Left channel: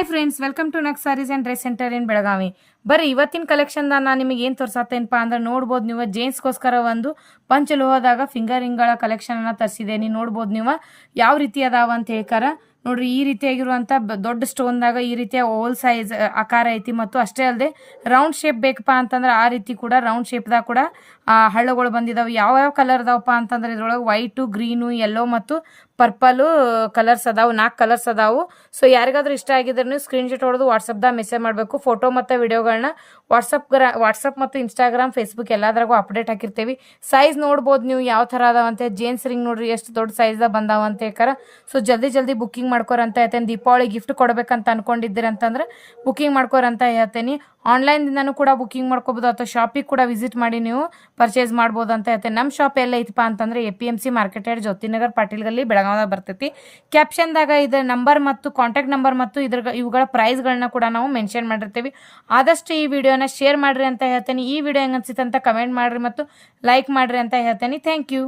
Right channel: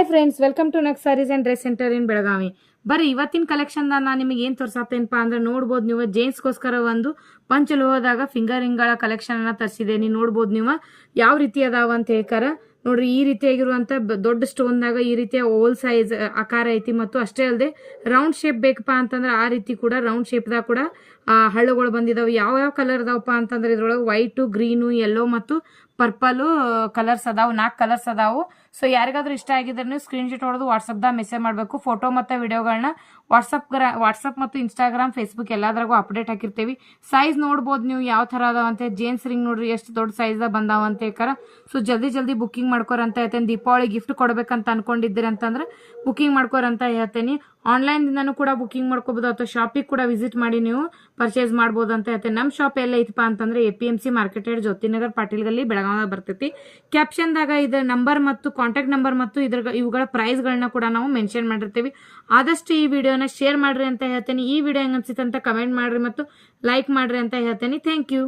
Hi friends, welcome to ನಕ್ sarees and dress centre in Belagavi. ಬರ್ರಿ ಇವತ್ತಿನ ಕಲೆಕ್ಷನ್ ನಾನು ನಿಮಗೆ ಏನು ತೋರ್ಸತ್ತೇನಪ್ಪ ಅಂದ್ರೆ ನೋಡ್ಬೋದು ನೀವು ಜೇಂಟ್ಸ್ಗೋಸ್ಕರ ಒಂದು ಪಂಚಲೋಹದಾಗ ಫಿಂಗರ್ ರಿಂಗ್ಗಳ ಕಲೆಕ್ಷನ್ ಅನ್ನ ತರಿಸಿದ್ದೇನೆ. ನೋಡ್ಬೋದು ನೀವು ಯಾವ ರೀತಿ ಅದಾವ ಅಂತ ಹೇಳ್ಕಾರ. ನೋಡ್ರಿ ಈ ರೀತಿಯಾಗಿರುವಂಥ ದೊಡ್ಡ ಸ್ಟೋನ್ದಾಗ ಈ ರೀತಿಯ ಓಲ್ ಸೈಜ್ ಆಕಾರ ಐತಿ. ಮತ್ತು ಅಷ್ಟೇ ಅಲ್ಲದೆ ರೌಂಡ್ ಶೇಪ್ ಬೇಕಪ್ಪ ಅಂತಂದ್ರೆ ಆ ರೀತಿ ಕೂಡ ರೌಂಡ್ ಶೇಪ್ದಾಗ ಕೂಡ ಹಳ್ಳಗಳು ಬಂದಿದಾವೆ. ಯಾವ ಕಲರ್ ಅದಾವಪ್ಪ ಅಂತಂದ್ರೆ ಇದ್ರೊಳಗೆ ವೈಟು, ಗ್ರೀನು, ಯೆಲ್ಲೋ ಮತ್ತು ಪರ್ಪಲ್ ಕಲರ್ಸ್ ಅದಾವು. 4 ಕಲರ್ಸ್ ಅದಾವು. ಸೊ ಯಾರಿಗಾದ್ರೂ ಇಷ್ಟ ಆಗಿದ್ರೆ ನೀವು ಸ್ಕ್ರೀನ್ಶಾಟ್ ಹೊಡೆದು ವಾಟ್ಸಪ್ದಾಗ ಮೆಸೇಜ್ ಮಾಡಬೇಕು. ಫೋಟೋ ಮತ್ತು ವಿಡಿಯೋಗಳನ್ನ ವಾಟ್ಸಪ್ ಮತ್ತು ಇನ್ಸ್ಟಾಗ್ರಾಮ್, ಫೇಸ್ಬುಕ್ ಎಲ್ಲದ್ರಾಗೂ ಅಪ್ಡೇಟ್ ಹಾಕಿರ್ತೀವಿ. ಸೈಜ್ ನೋಡ್ಬೋದು ನೀವು ಯಾವ ಥರ ಅದಾವಂತೆ. ಜೇನ್ಸ್ ರಿಂಗ್ ನೋಡ್ರಿ ಎಷ್ಟು ದೊಡ್ಡ ಸೈಜ್ದಾಗ ಬಂದಾವ ಅಂತ ಹೇಳ್ಕಾರ. ಸೊ ಜಲ್ದಿ ಬುಕ್ಕಿಂಗ್ ಮಾಡ್ಕೋರಂತ ಹೇಳ್ತೇನೆ. ದೀಪಾವಳಿ ಗಿಫ್ಟ್ ಕೊಡ್ಬೇಕಂತ ಅನ್ಕೊಂಡಿದ್ದೀರಿ ಅಂತಂದ್ರೆ ಬುಕ್ಕಿಂಗ್ ಮಾಡ್ಕೋರಂತ ಹೇಳ್ತೇನೆ. ಆನ್ಲೈನ್ದಿಂದನೂ ಕೂಡ ಬುಕ್ಕಿಂಗ್ ಮಾಡ್ಕೋಬೋದು ಅಥವಾ ಶಾಪಿಗೆ ಕೂಡ ವಿಸಿಟ್ ಮಾಡಿ ನೀವು ಪರ್ಚೇಸ್ ಮಾಡ್ಬೋದು ಅಂತ ಹೇಳ್ತೇನೆ. ನಮ್ಮ ಶಾಪ್ ಎಲ್ಲ ಐತಪ್ಪ ಅಂತಂದ್ರೆ APMC ಮಾರ್ಕೆಟ್ ಯಾರ್ಡ್, ಜ್ಯೋತಿನಗರ್, ಪಾಟೀಲ್ ಗಲ್ಲಿ, ಬೆಳಗಾವಿದಾಗ ಬರ್ತೈತಿ. ಕ್ಯಾಪ್ಷನ್ದಾಗ ಇದರ ನಂಬರ್ ಮತ್ತು ಕಾಂಟ್ಯಾಕ್ಟ್ ನಂಬರ್ ಮತ್ತು ಇವುಗಳ ಪ್ರೈಸ್ಗಳನ್ನ ಕೂಡ ನಾವು ಮೆನ್ಷನ್ ಮಾಡಿರ್ತೀವಿ. ಆದಷ್ಟು ಈ ವಿಡಿಯೋನ ಶೇರ್ ಮಾಡ್ರಿ ಅಂತ ಹೇಳ್ತೇನೆ. ಈ ವಿಡಿಯೋ ಹೆಂಗ್ ಅನ್ಸಿತ್ತು ಅಂತ ಕಮೆಂಟ್ ಮಾಡ್ರಿ ಮತ್ತು ಲೈಕ್ ಮಾಡ್ರಿ ಅಂತ ಹೇಳ್ತೇನೆ. Thank you.